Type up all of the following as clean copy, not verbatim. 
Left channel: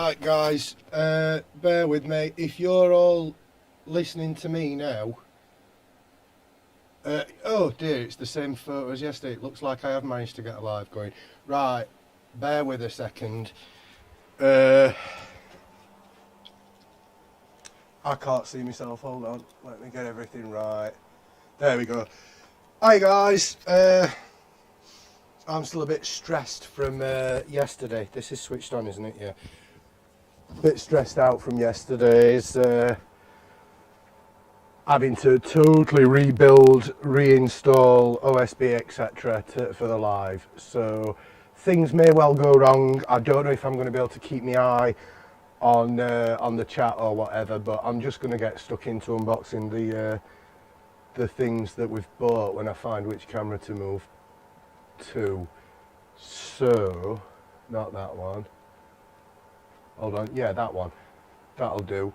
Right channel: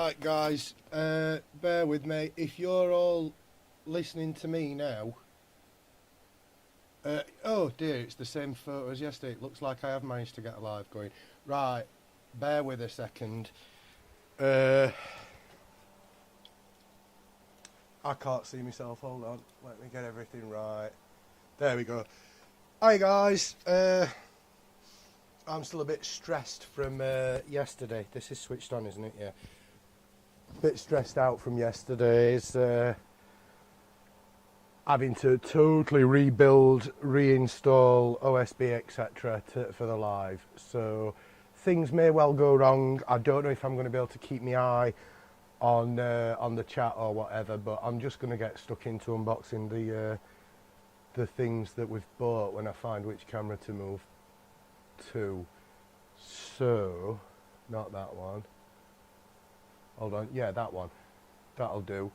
Right, guys, bear with me. If you're all listening to me now, oh dear, it's the same photo as yesterday. It looks like I have managed to get a live going. Right, bear with a second. I can't see myself. Hold on, let me get everything right. There we go. Hi, guys. I'm still a bit stressed from yesterday. This is switched on, isn't it? Yeah. Bit stressed out from yesterday's having to totally rebuild, reinstall OSB, etc. for the live. So things may well go wrong. I don't know if I'm going to be able to keep my eye on the chat or whatever, but I'm just going to get stuck into unboxing the things that we've bought when I find which camera to move to. So, not that one. Hold on, yeah, that one. That'll do.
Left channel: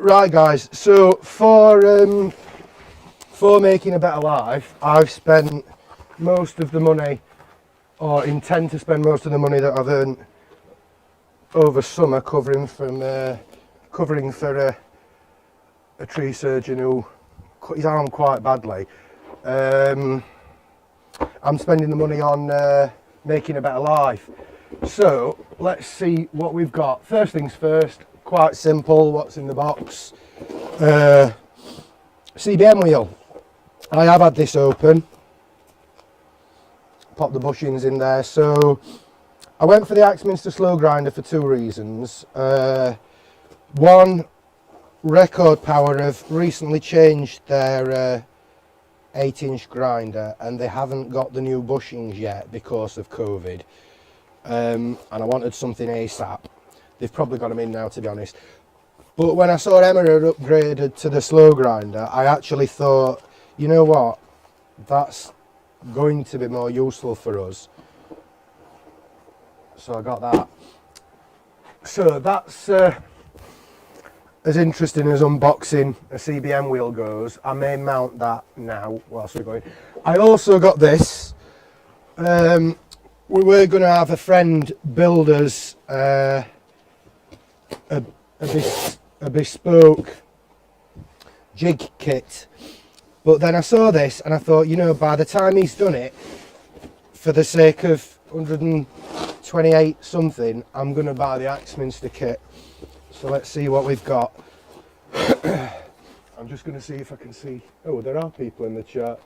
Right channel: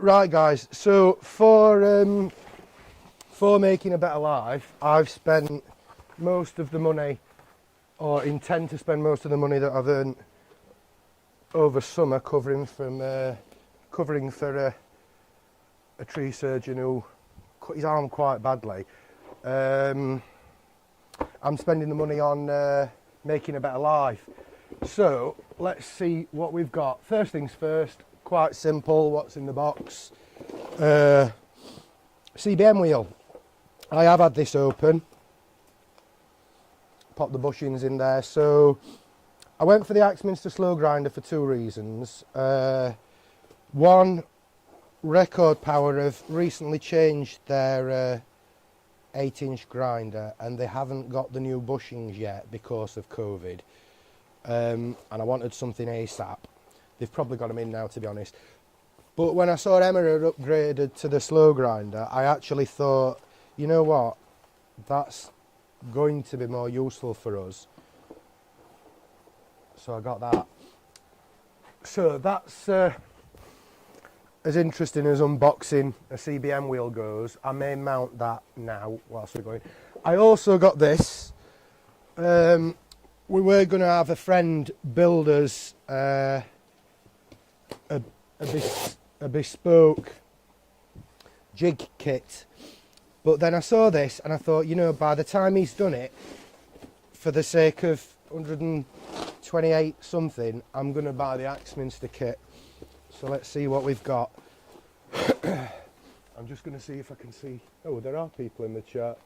Right, guys. So for making a better life, I've spent most of the money, or intend to spend most of the money that I've earned over summer covering for a tree surgeon who cut his arm quite badly. I'm spending the money on making a better life. So let's see what we've got. First things first, quite simple. What's in the box? CBM wheel. I have had this open. Pop the bushings in there. So I went for the Axminster slow grinder for two reasons. One, Record Power have recently changed their 8-inch grinder and they haven't got the new bushings yet because of COVID. And I wanted something ASAP. They've probably got them in now, to be honest. But when I saw Emma had upgraded to the slow grinder, I actually thought, you know what, that's going to be more useful for us. So I got that. So that's as interesting as unboxing a CBM wheel goes. I may mount that now whilst we're going. I also got this. We were going to have a friend build us a bespoke jig kit, but then I saw this and I thought, you know, by the time he's done it, for the sake of 128 something, I'm going to buy the Axminster kit. So let's see what we've got. I'm just going to see if I can see. Oh, there are people in the chat.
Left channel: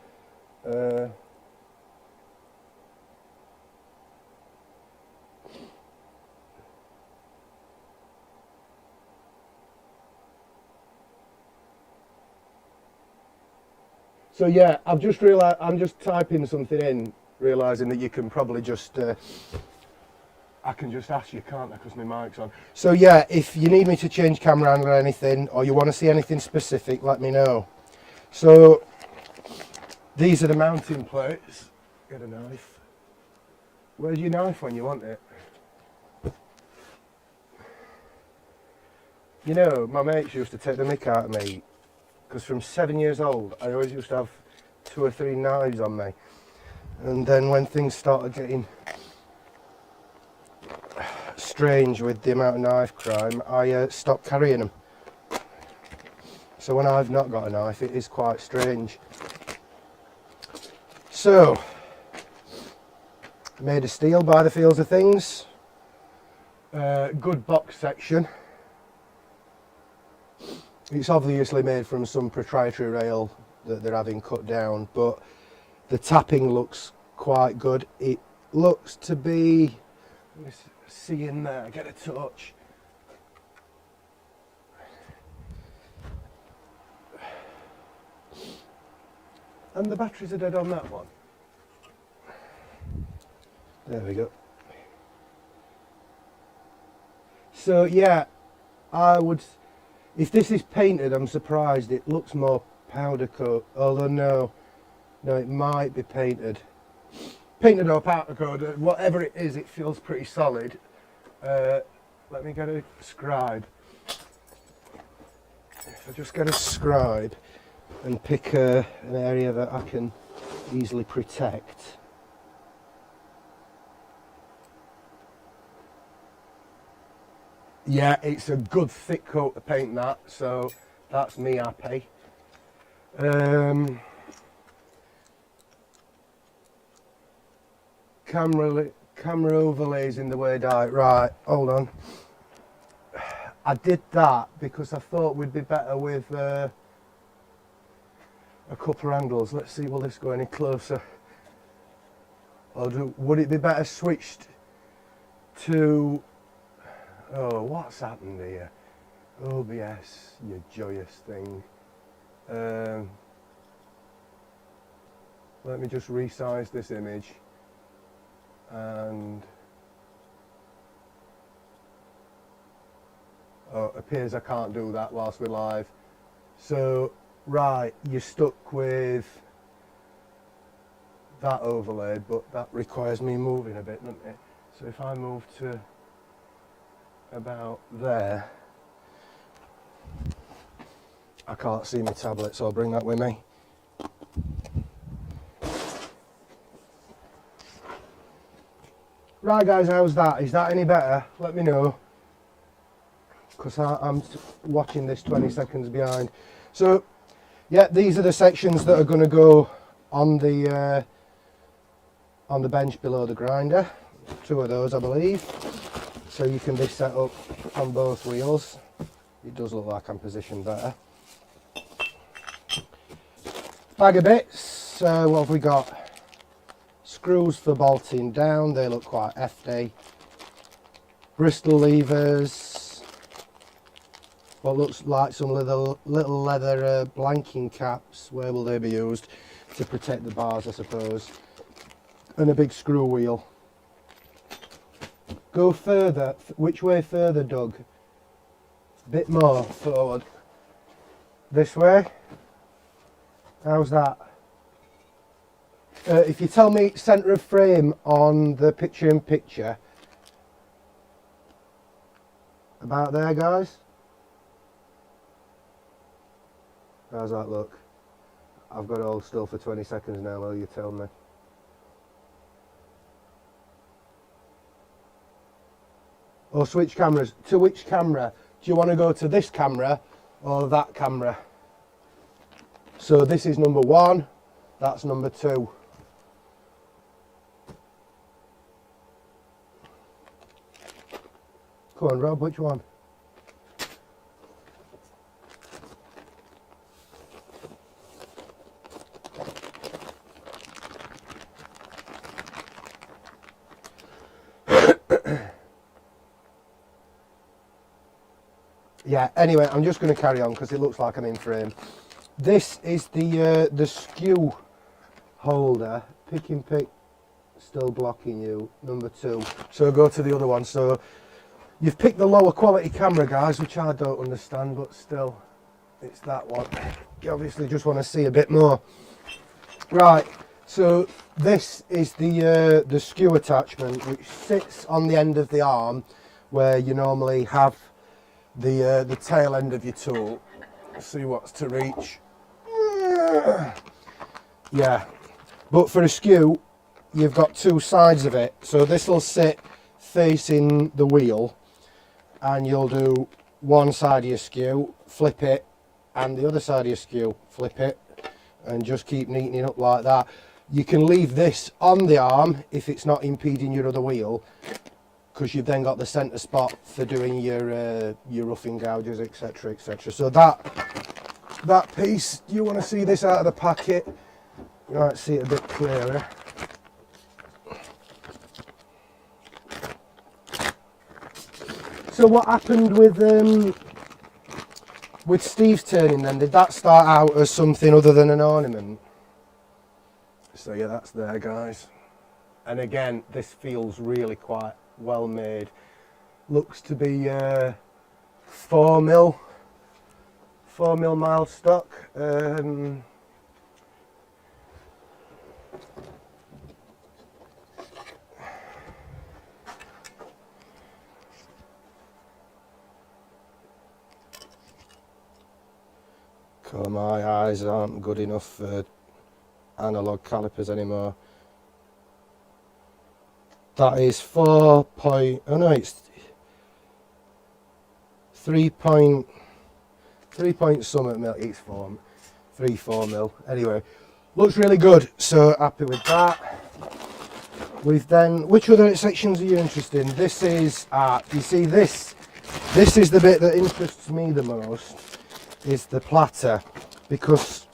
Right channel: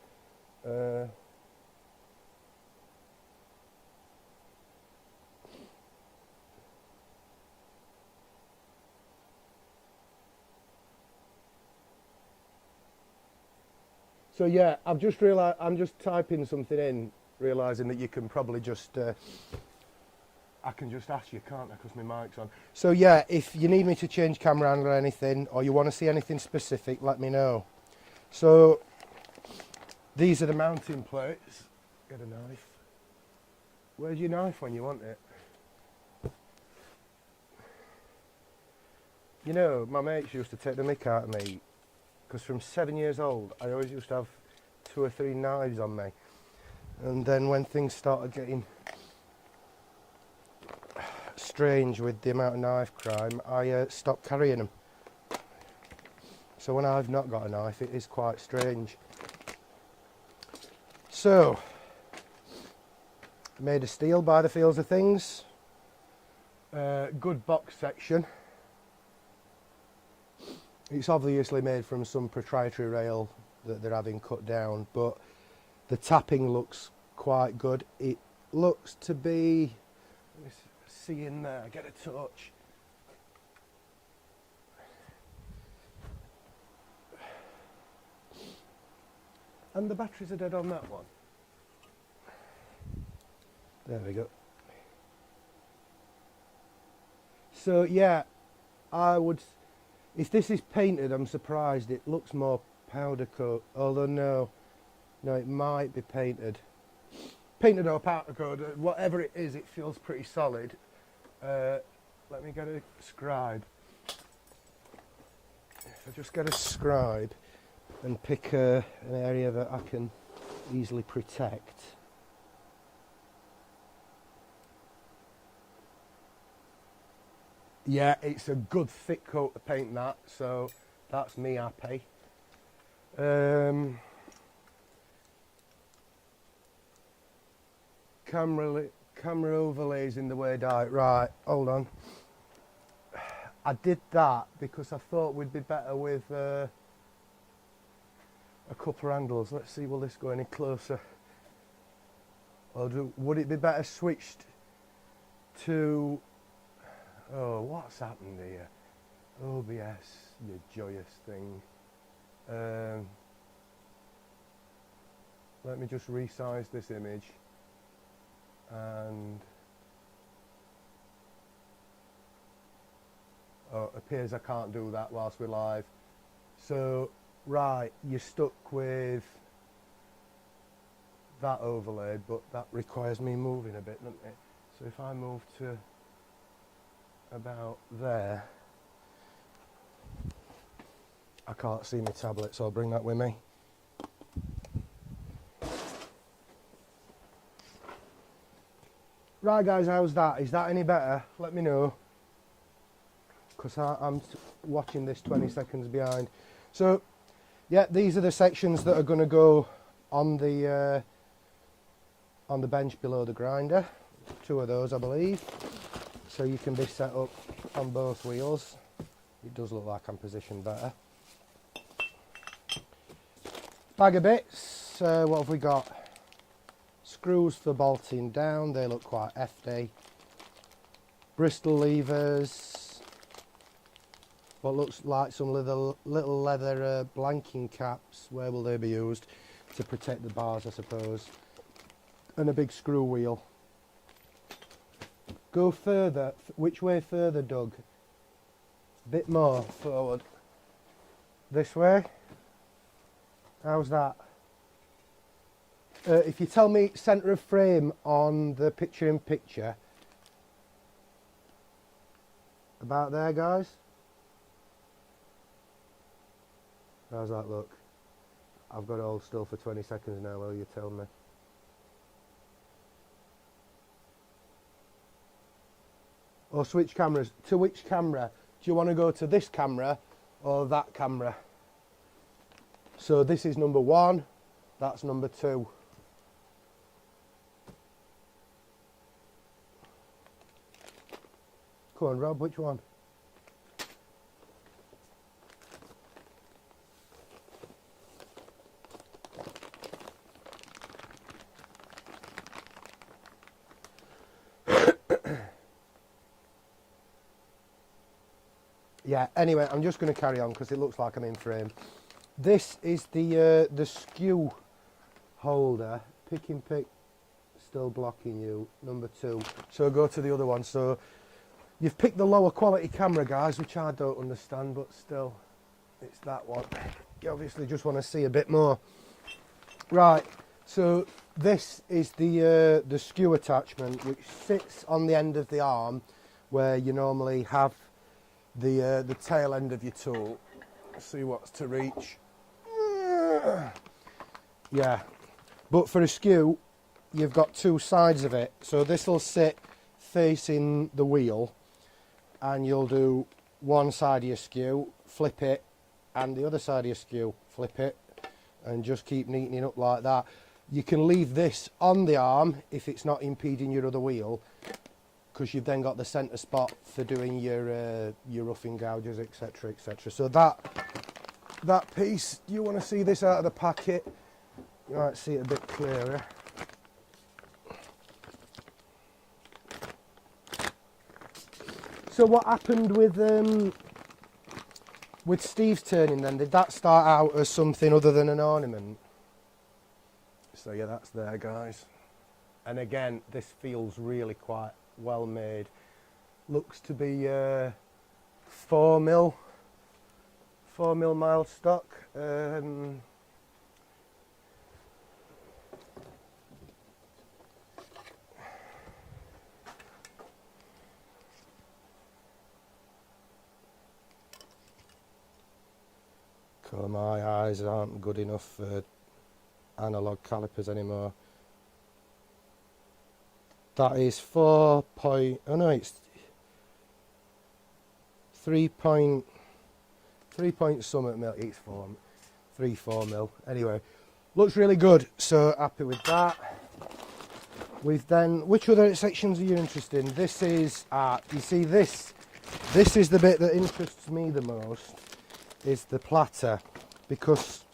So yeah, I've just realised, I'm just typing something in, realising that you can probably just, I can just ask you, can't I, because my mic's on. So yeah, if you need me to change camera angle or anything, or you want to see anything specific, let me know. So these are the mounting plates. Get a knife. Where's your knife when you want it? You know, my mates used to take the mick out of me, because from 7 years old, I always used to have 2 or 3 knives on me. And then when things started getting strange with the amount of knife crime, I stopped carrying them. So when I've not got a knife, it is quite strange. So, made of steel by the feels of things. Good box section. It's obviously made from some proprietary rail that they're having cut down, but the tapping looks quite good. It looks to be, let me see in there, get a touch. And the batteries are dead on that one. There we go. So yeah, I would, if this is painted, I'm surprised it looks more powder coat, although no, it might be painted. Painted or powder coat, whatever it is, it feels pretty solid. Let me get a scribe. If I just get a scribe and pick an area that I can easily protect. Yeah, it's a good thick coat of paint that, so that's me happy. Camera overlays in the way down. Right, hold on. I did that because I thought we'd be better with a couple of handles. Let's see, will this go any closer? Would it be better switched to... Oh, what's happened here? OBS, you joyous thing. Let me just resize this image. And... Oh, it appears I can't do that whilst we're live. So, right, you're stuck with that overlay, but that requires me moving a bit, doesn't it? So if I move to about there, I can't see my tablet, so I'll bring that with me. Right guys, how's that? Is that any better? Let me know, because I'm watching this 20 seconds behind. So yeah, these are the sections that are going to go on the bench below the grinder. 2 of those I believe, so you can be set up on both wheels. It does look like I'm positioned better. Bag of bits. What have we got? Screws for bolting down, they look quite hefty. Bristol levers. What looks like some little leather blanking caps. Where will they be used? To protect the bars, I suppose. And a big screw wheel. Go further. Which way further, Doug? A bit more forward. This way? How's that? If you tell me centre of frame on the picture-in-picture. About there, guys? How's that look? I've got it all still for 20 seconds now while you tell me. Or switch cameras. To which camera? Do you want to go to this camera or that camera? So this is number 1, that's number 2. Come on Rob, which one? Yeah, anyway, I'm just going to carry on because it looks like I'm in frame. This is the skew holder. Pick and pick, still blocking you, number 2. So go to the other one. So you've picked the lower quality camera, guys, which I don't understand, but still, it's that one. You obviously just want to see a bit more. Right, so this is the skew attachment, which sits on the end of the arm, where you normally have the tail end of your tool. Let's see what's to reach. Yeah, but for a skew, you've got 2 sides of it. So this will sit facing the wheel, and you'll do one side of your skew, flip it, and the other side of your skew, flip it, and just keep neatening up like that. You can leave this on the arm if it's not impeding your other wheel, because you've then got the centre spot for doing your roughing gouges, etc, etc. So that piece, you want to see this out of the packet, you might see it a bit clearer. So what happened with Steve's turning then? Did that start out as something other than an ornament? So yeah, that's there, guys. And again, this feels really quite well made. Looks to be 4mm mild stock. My eyes aren't good enough for analog calipers anymore. That is 4 point, oh no, it's 3 point something mil, it's 4 mil. Anyway, looks really good, so happy with that. We've then, which other sections are you interested in? This is, you see this is the bit that interests me the most, is the platter, because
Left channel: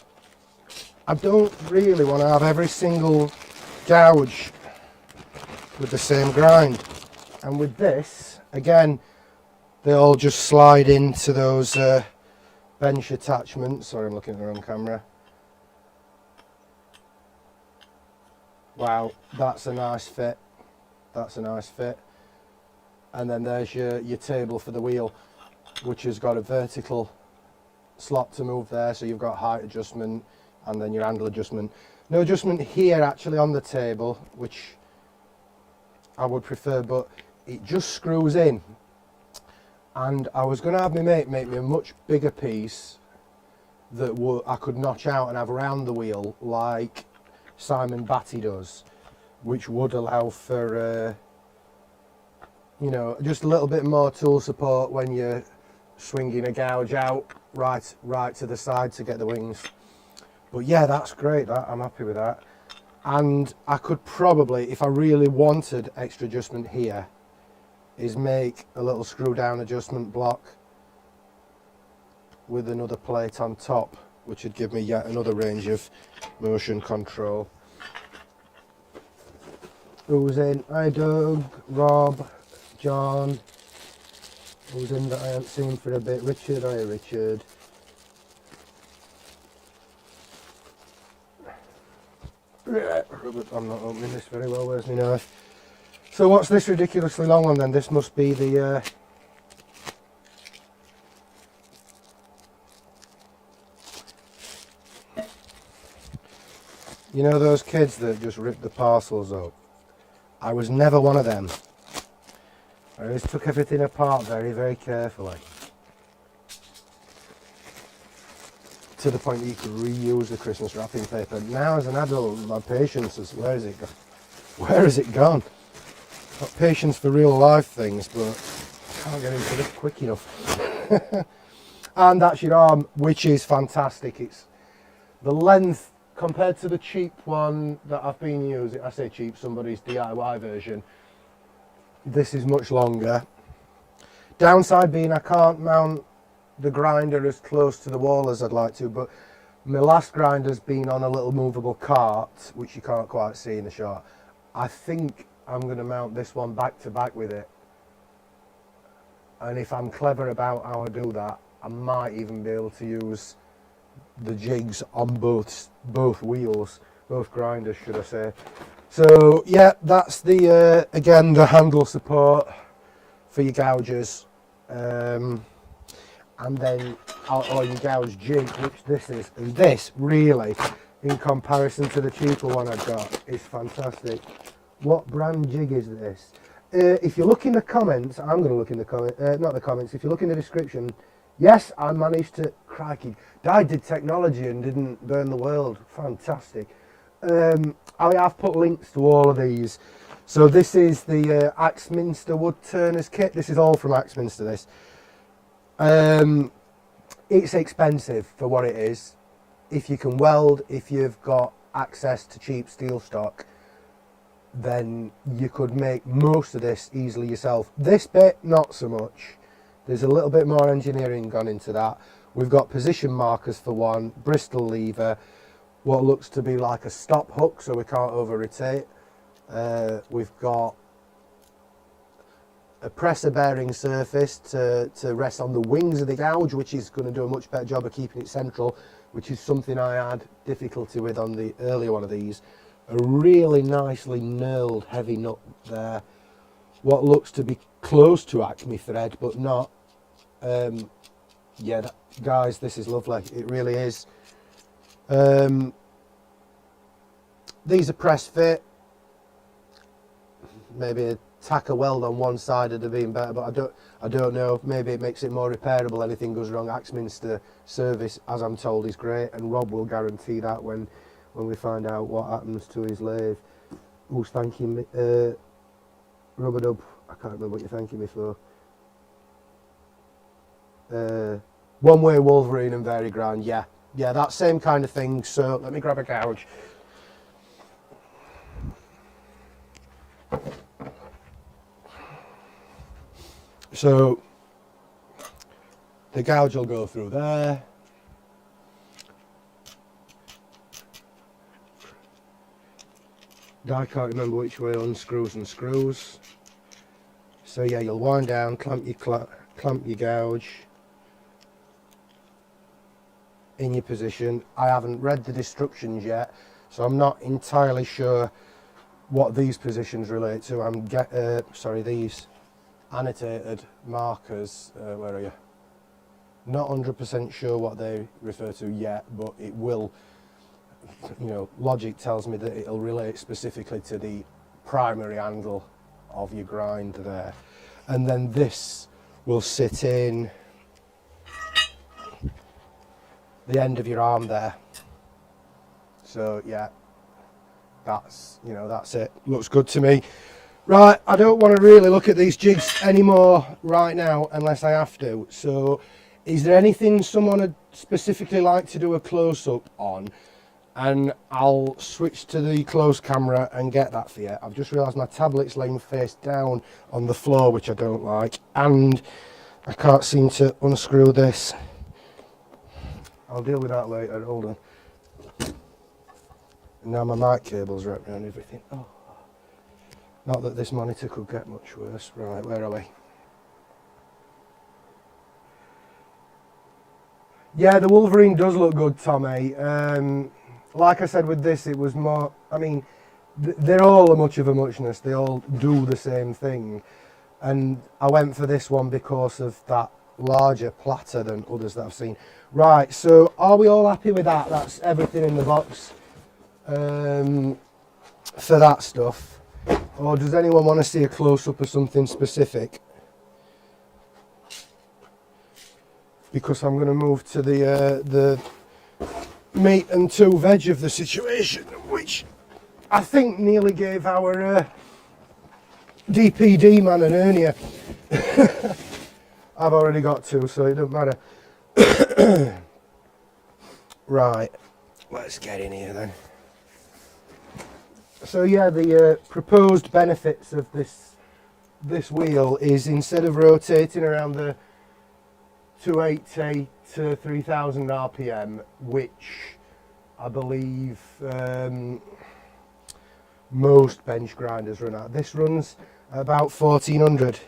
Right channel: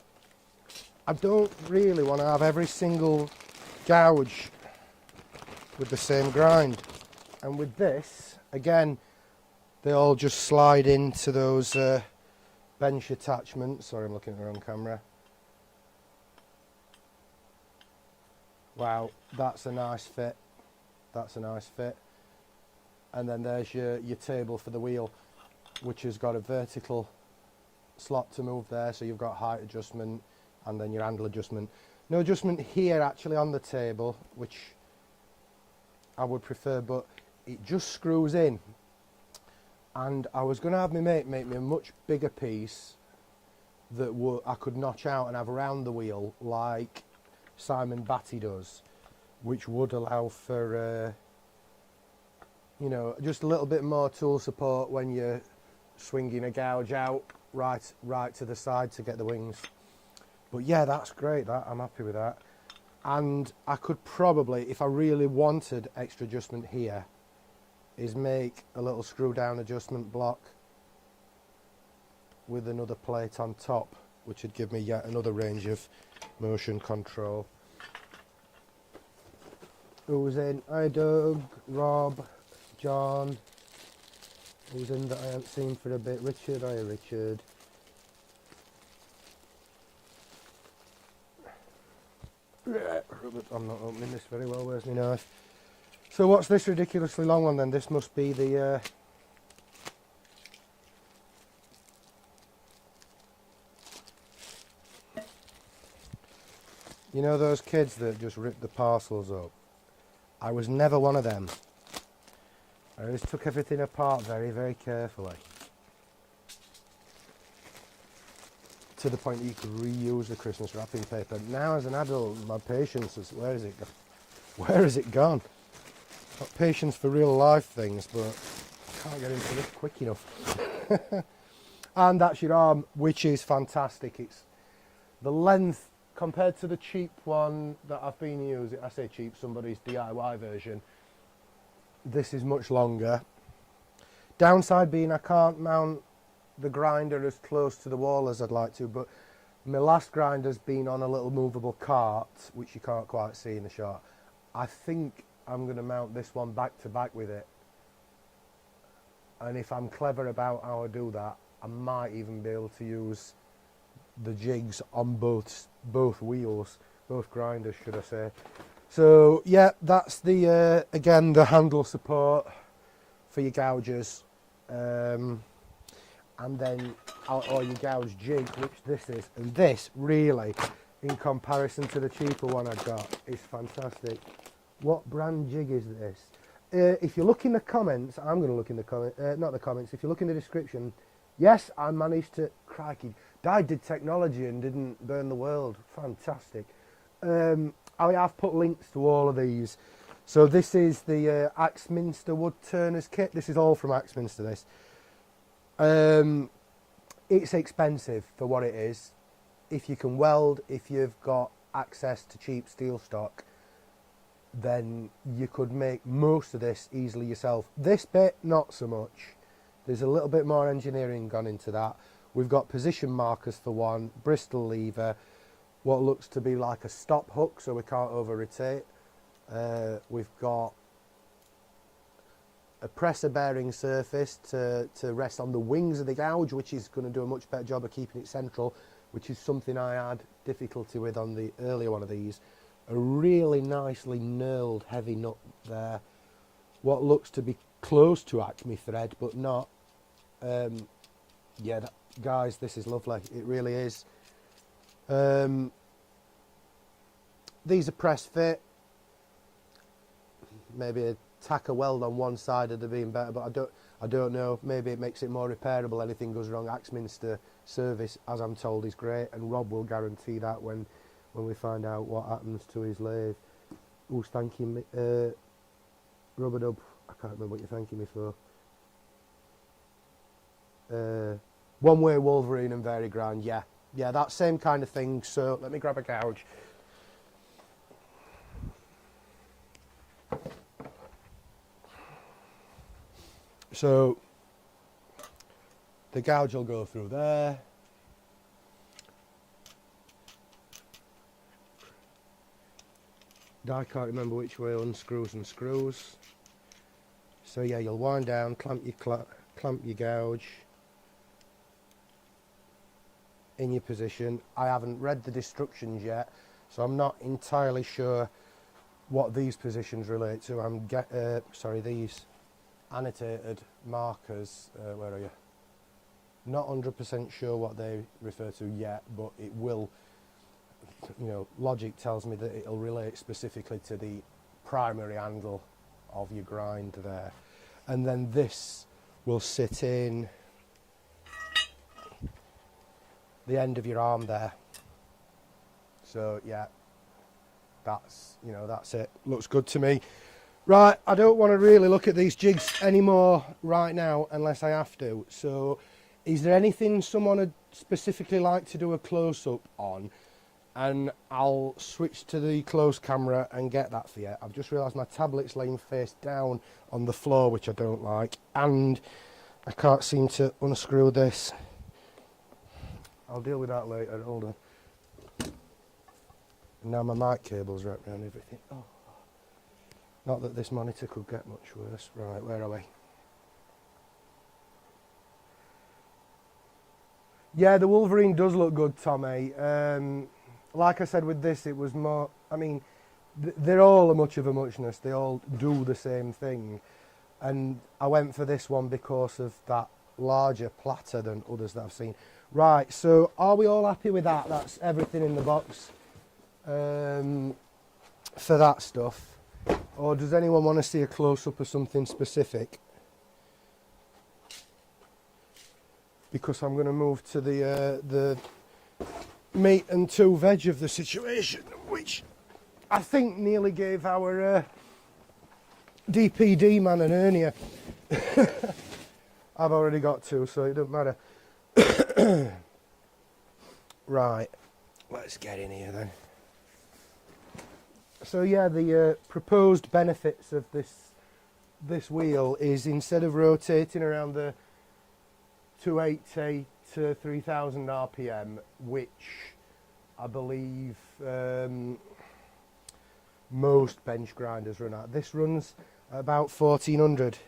I don't really want to have every single gouge with the same grind. And with this, again, they all just slide into those bench attachments. Sorry, I'm looking at the wrong camera. Wow, that's a nice fit. That's a nice fit. And then there's your table for the wheel, which has got a vertical slot to move there, so you've got height adjustment and then your handle adjustment. No adjustment here actually on the table, which I would prefer, but it just screws in. And I was going to have my mate make me a much bigger piece that I could notch out and have around the wheel like Simon Batty does, which would allow for you know, just a little bit more tool support when you're swinging a gouge out right to the side to get the wings. But yeah, that's great, I'm happy with that. And I could probably, if I really wanted extra adjustment here, is make a little screw down adjustment block with another plate on top, which would give me yet another range of motion control. Who's in? Hi Doug, Rob, John. Who's in that I haven't seen for a bit? Richard, hi Richard. I'm not opening this very well, where's my knife? So what's this ridiculously long one then? This must be the you know those kids that just rip the parcels up? I was never one of them. I always took everything apart very, very carefully, to the point that you could reuse the Christmas wrapping paper. Now as an adult, my patience is, where has it gone? Where has it gone? Got patience for real life things, but I can't get into this quick enough. And that's your arm, which is fantastic. It's the length compared to the cheap one that I've been using. I say cheap, somebody's DIY version. This is much longer. Downside being I can't mount the grinder as close to the wall as I'd like to, but my last grinder's been on a little movable cart, which you can't quite see in the shot. I think I'm going to mount this one back to back with it, and if I'm clever about how I do that, I might even be able to use the jigs on both wheels, both grinders should I say. So yeah, that's the again the handle support for your gouges, and then or your gouge jig, which this is, and this really, in comparison to the cheaper one I've got, is fantastic. What brand jig is this? If you look in the comments, I'm going to look in the comments, not the comments, if you look in the description, yes, I managed to, crikey, I did technology and didn't burn the world, fantastic. I've put links to all of these. So this is the Axminster Wood Turners kit, this is all from Axminster this. It's expensive for what it is. If you can weld, if you've got access to cheap steel stock, then you could make most of this easily yourself. This bit, not so much. There's a little bit more engineering gone into that. We've got position markers for one, Bristol lever, what looks to be like a stop hook so we can't over rotate. We've got a presser bearing surface to rest on the wings of the gouge, which is going to do a much better job of keeping it central, which is something I had difficulty with on the earlier one of these. A really nicely knurled heavy nut there, what looks to be close to Acme thread but not. Yeah, guys, this is lovely, it really is. These are press fit, maybe a tack a weld on one side would have been better, but I don't know, maybe it makes it more repairable. Anything goes wrong, Axminster service, as I'm told, is great, and Rob will guarantee that when we find out what happens to his lathe. Who's thanking me? Rubber Dub, I can't remember what you're thanking me for. one way Wolverine and Variground, yeah, that same kind of thing. So let me grab a gouge. So the gouge will go through there. I can't remember which way unscrews and screws. So yeah, you'll wind down, clamp your gouge in your position. I haven't read the instructions yet, so I'm not entirely sure what these positions relate to. These annotated markers. Where are you? Not 100% sure what they refer to yet, but it will. You know, logic tells me that it'll relate specifically to the primary handle of your grind there, and then this will sit in the end of your arm there. So yeah, that's it. Looks good to me. Right, I don't want to really look at these jigs anymore right now unless I have to. So is there anything someone would specifically like to do a close-up on? And I'll switch to the close camera and get that for you. I've just realised my tablet's laying face down on the floor, which I don't like, and I can't seem to unscrew this. I'll deal with that later, hold on. And now my mic cable's wrapped around everything. Oh. Not that this monitor could get much worse. Right, where are we? Yeah, the Wolverine does look good, Tommy. Like I said with this, it was more, I mean, they're all a much of a muchness. They all do the same thing. And I went for this one because of that larger platter than others that I've seen. Right, so are we all happy with that? That's everything in the box for that stuff. Or does anyone want to see a close-up of something specific? Because I'm going to move to the meat and two veg of the situation, which I think nearly gave our DPD man an hernia. I've already got two, so it doesn't matter. Right, let's get in here then. So yeah, the proposed benefits of this wheel is, instead of rotating around the 280 to 3000 RPM, which I believe most bench grinders run at, this runs about 1400,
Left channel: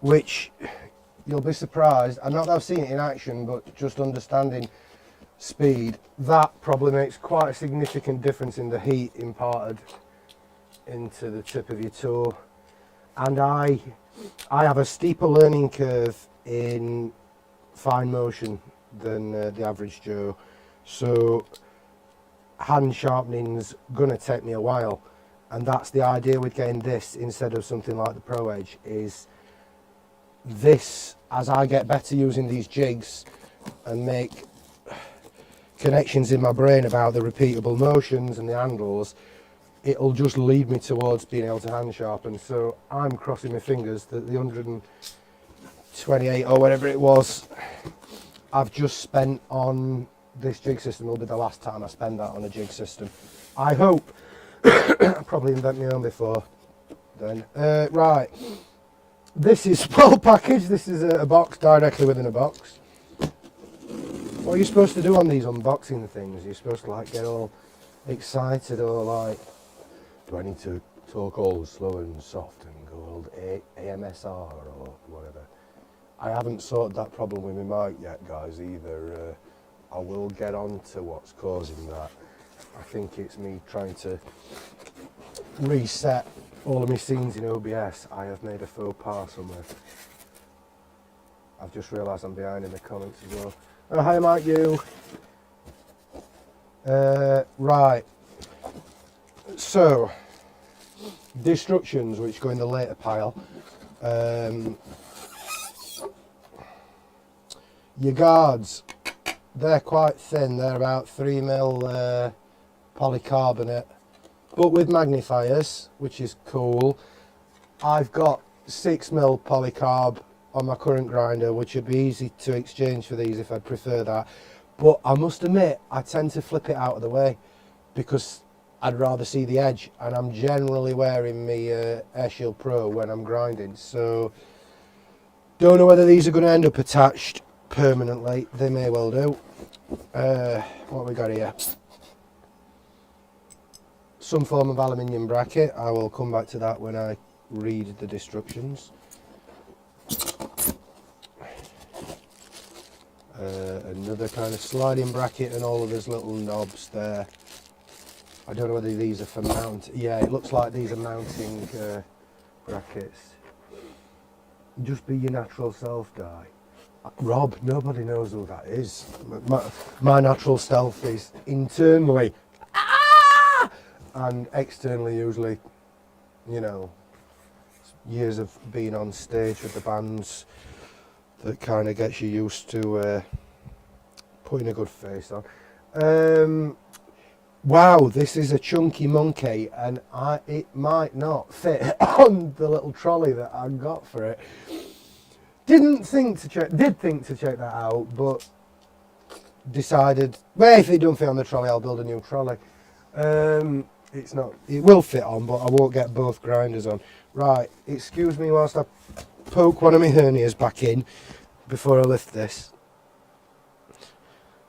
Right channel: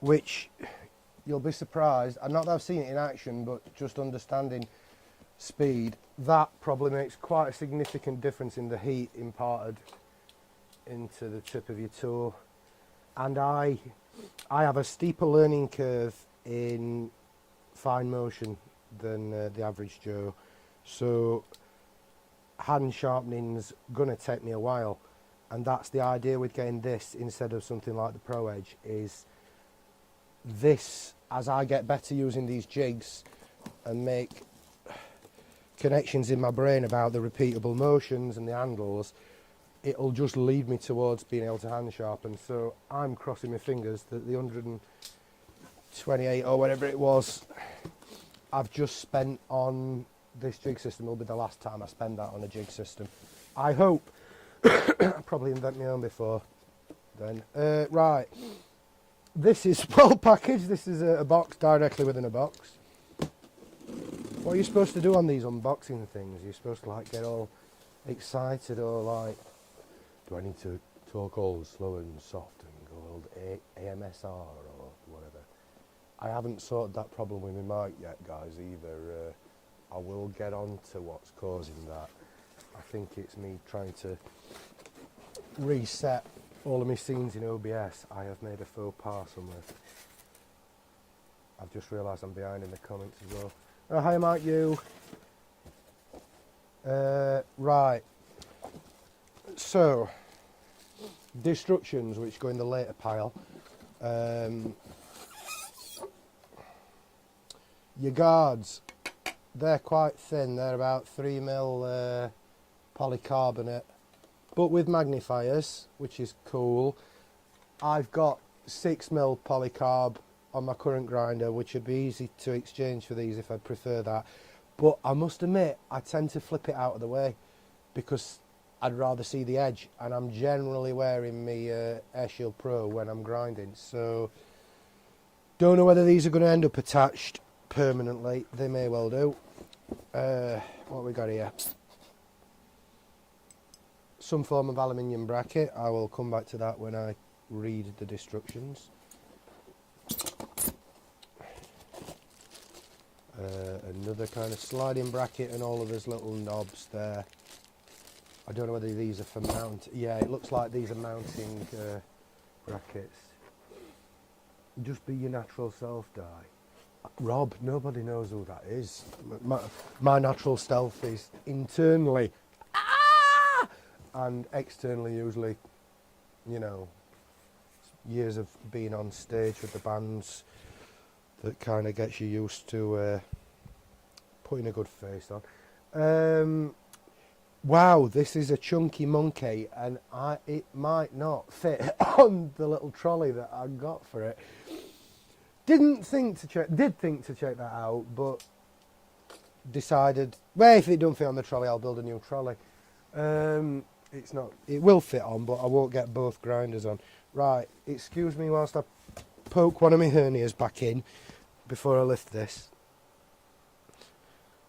which you'll be surprised, and not that I've seen it in action, but just understanding speed, that probably makes quite a significant difference in the heat imparted into the tip of your toe. And I have a steeper learning curve in fine motion than the average Joe, so hand sharpening's gonna take me a while, and that's the idea with getting this instead of something like the Pro Edge. Is this, as I get better using these jigs and make connections in my brain about the repeatable motions and the handles, it'll just lead me towards being able to hand sharpen. So I'm crossing my fingers that the 128 or whatever it was I've just spent on this jig system will be the last time I spend that on a jig system, I hope. I'll probably invent my own before then. Right, this is well packaged. This is a box directly within a box. What are you supposed to do on these unboxing things? You're supposed to like get all excited, or like, do I need to talk all slow and soft and go old AMSR or whatever? I haven't sorted that problem with my mic yet, guys, either. I will get on to what's causing that. I think it's me trying to reset all of my scenes in OBS. I have made a faux pas somewhere. I've just realised I'm behind in the comments as well. Oh, hi Mike, you. Right. So, destructions, which go in the later pile. Your guards, they're quite thin. They're about 3mm polycarbonate, but with magnifiers, which is cool. I've got 6mm polycarb on my current grinder, which would be easy to exchange for these if I'd prefer that. But I must admit, I tend to flip it out of the way because I'd rather see the edge, and I'm generally wearing my AirShield Pro when I'm grinding. So don't know whether these are going to end up attached permanently. They may well do. What we got here? Some form of aluminium bracket. I will come back to that when I read the instructions. Another kind of sliding bracket and all of those little knobs there. I don't know whether these are for mount. Yeah, it looks like these are mounting brackets. Just be your natural self, Di. Rob, nobody knows who that is. My natural self is internally and externally usually, you know, years of being on stage with the bands that kind of gets you used to putting a good face on. Wow, this is a chunky monkey, and it might not fit on the little trolley that I got for it. Did think to check that out, but decided, well, if it don't fit on the trolley, I'll build a new trolley. It will fit on, but I won't get both grinders on. Right, excuse me whilst I poke one of my hernias back in before I lift this.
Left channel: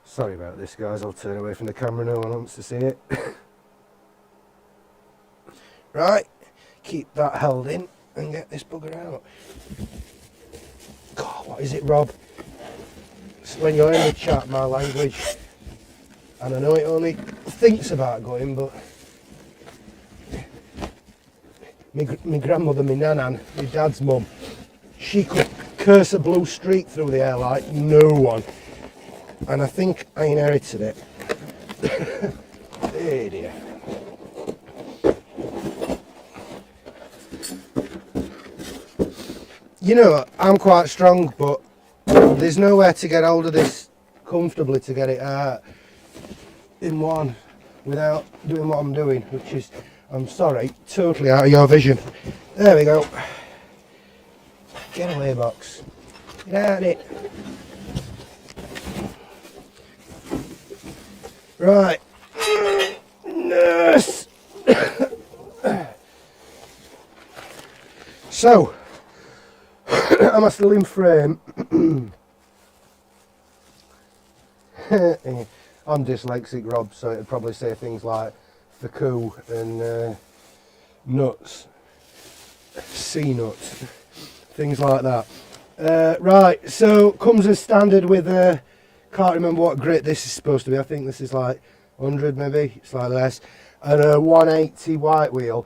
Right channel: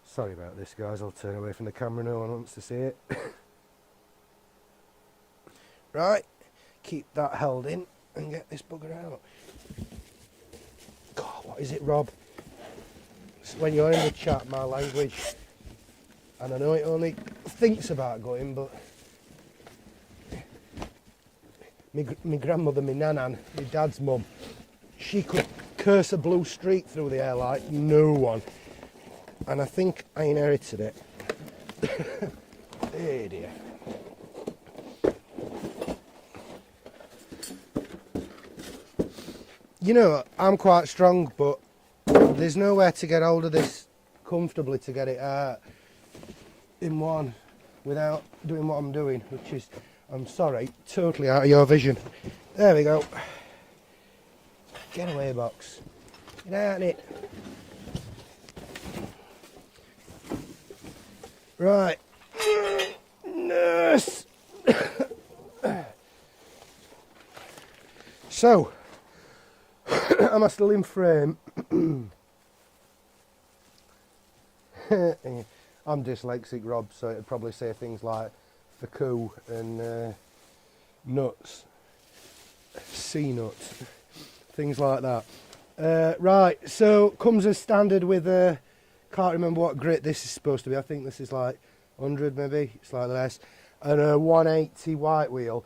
Sorry about this, guys. I'll turn away from the camera. No one wants to see it. Right, keep that held in and get this bugger out. God, what is it, Rob? It's when you're in the chat, my language. And I know it only thinks about going, but my grandmother, my nanan, my dad's mum, she could curse a blue streak through the air like no one. And I think I inherited it. Hey dear. You know, I'm quite strong, but there's nowhere to get hold of this comfortably to get it out in one without doing what I'm doing, which is, I'm sorry, totally out of your vision. There we go. Get away, box. Get out of it. Right. Nurse. So, I'm a slim frame. I'm dyslexic, Rob, so it'd probably say things like facoo and nuts, sea nuts, things like that. Right, so comes as standard with can't remember what grit this is supposed to be. I think this is like 100 maybe, slightly less, and a 180 white wheel.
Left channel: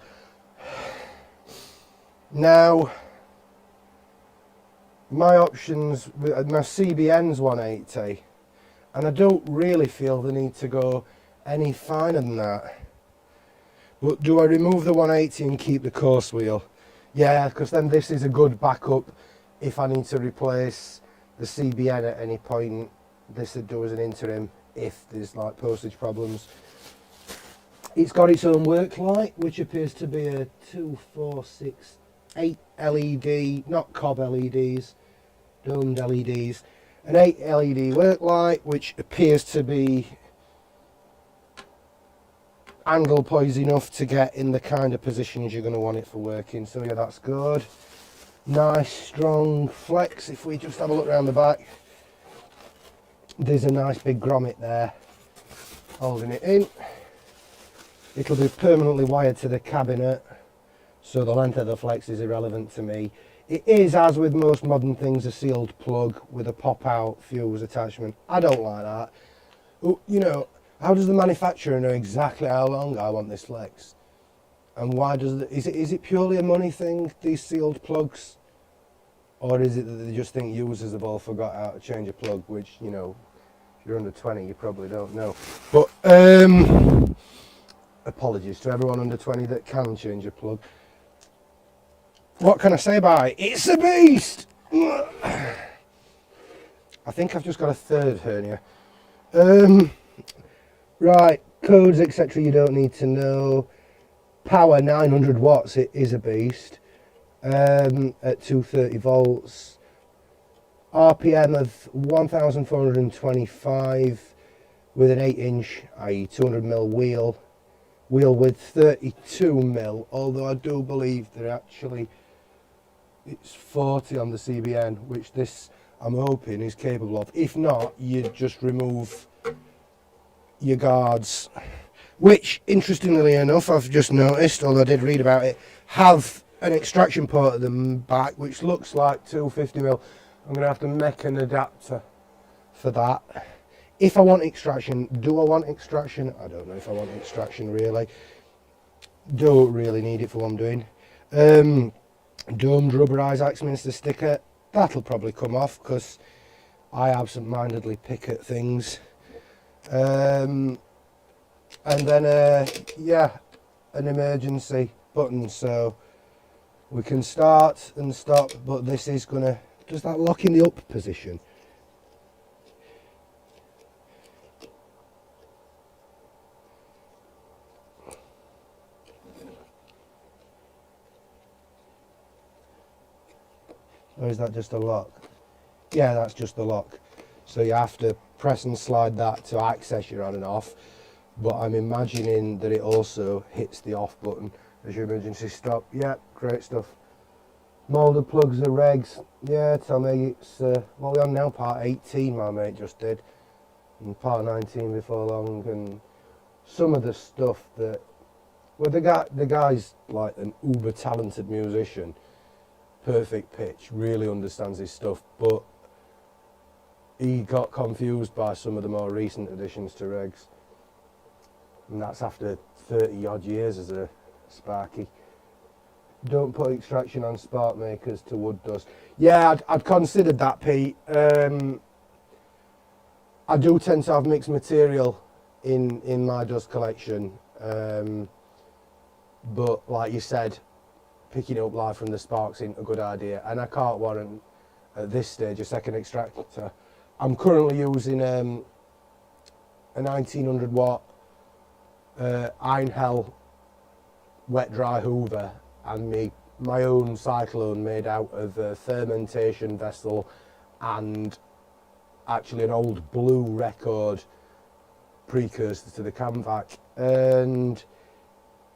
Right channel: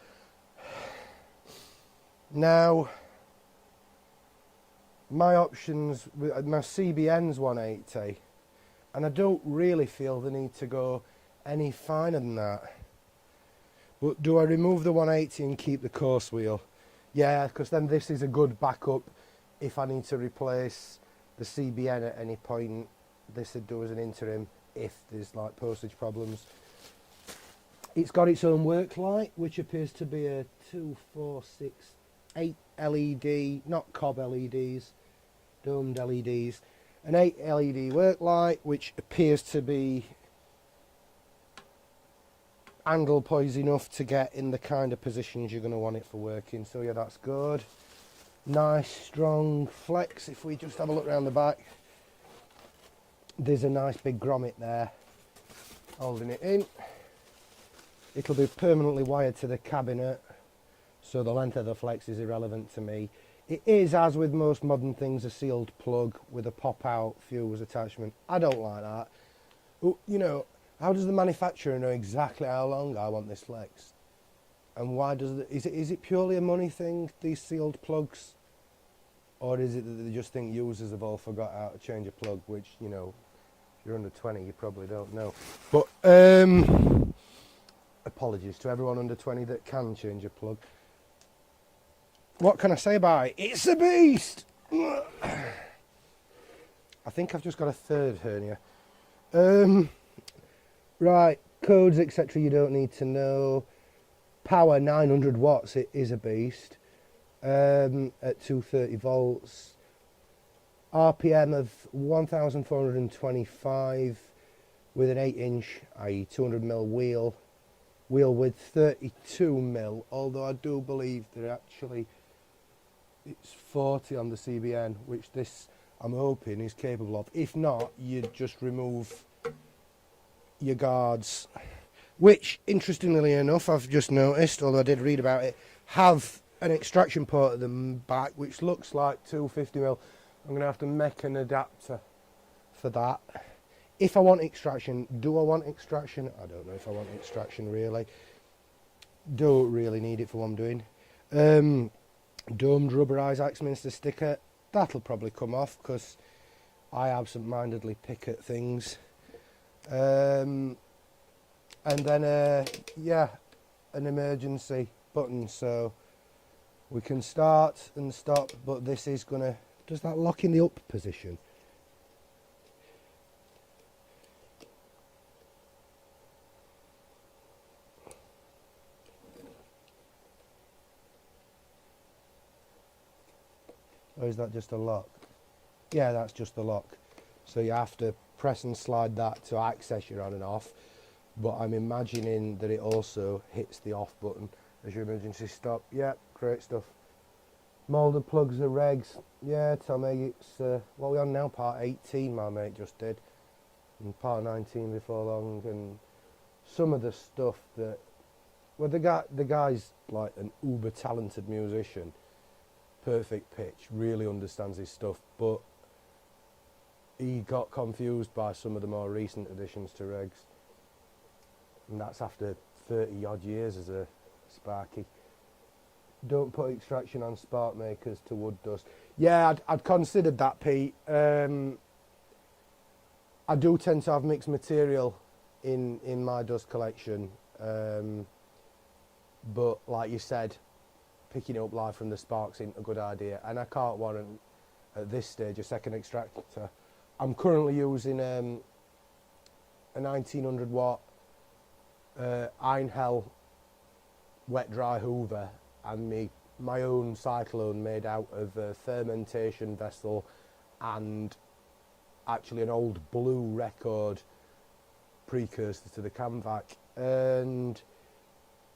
Now, my options, my CBN's 180, and I don't really feel the need to go any finer than that. But do I remove the 180 and keep the course wheel? Yeah, because then this is a good backup if I need to replace the CBN at any point. This would do as an interim if there's like postage problems. It's got its own work light, which appears to be a 2, 4, 6, 8 LED, not cob LEDs, domed LEDs. An 8 LED work light, which appears to be angle poised enough to get in the kind of positions you're going to want it for working. So yeah, that's good. Nice strong flex. If we just have a look around the back, there's a nice big grommet there holding it in. It'll be permanently wired to the cabinet, so the length of the flex is irrelevant to me. It is, as with most modern things, a sealed plug with a pop-out fuse attachment. I don't like that. You know, how does the manufacturer know exactly how long I want this flex? And why does is it purely a money thing, these sealed plugs? Or is it that they just think users have all forgot how to change a plug, which, you know, if you're under 20, you probably don't know. But, apologies to everyone under 20 that can change a plug. What can I say about it? It's a beast! I think I've just got a third hernia. Right, codes, etc. you don't need to know. Power 900 watts, it is a beast. At 230 volts. RPM of 1425 with an 8-inch, i.e. 200mm wheel width 32mm, although I do believe that actually it's 40 on the CBN, which this I'm hoping is capable of. If not, you just remove your guards, which interestingly enough I've just noticed, although I did read about it, have an extraction port at the back which looks like 250mm. I'm going to have to make an adapter for that. If I want extraction, do I want extraction? I don't know if I want extraction really. Don't really need it for what I'm doing. Domed rubberized Axminster sticker, that'll probably come off because I absent-mindedly pick at things. And then yeah, an emergency button so we can start and stop, but this is gonna, does that lock in the up position? Or is that just a lock? Yeah, that's just the lock. So you have to press and slide that to access your on and off, but I'm imagining that it also hits the off button as your emergency stop. Yeah, great stuff. Moulded plugs and regs. Yeah, tell me, it's what are we on now? Part 18 my mate just did, and part 19 before long, and some of the stuff that, well, the guy's like an uber talented musician, perfect pitch, really understands his stuff, but he got confused by some of the more recent additions to regs, and that's after 30 odd years as a Sparky. Don't put extraction on spark makers to wood dust. Yeah, I'd considered that, Pete. I do tend to have mixed material in my dust collection, but like you said, picking up live from the sparks isn't a good idea, and I can't warrant at this stage a second extractor. I'm currently using a 1900 watt Iron Hell wet dry hoover and my own cyclone made out of a fermentation vessel and actually an old blue record precursor to the Camvac, and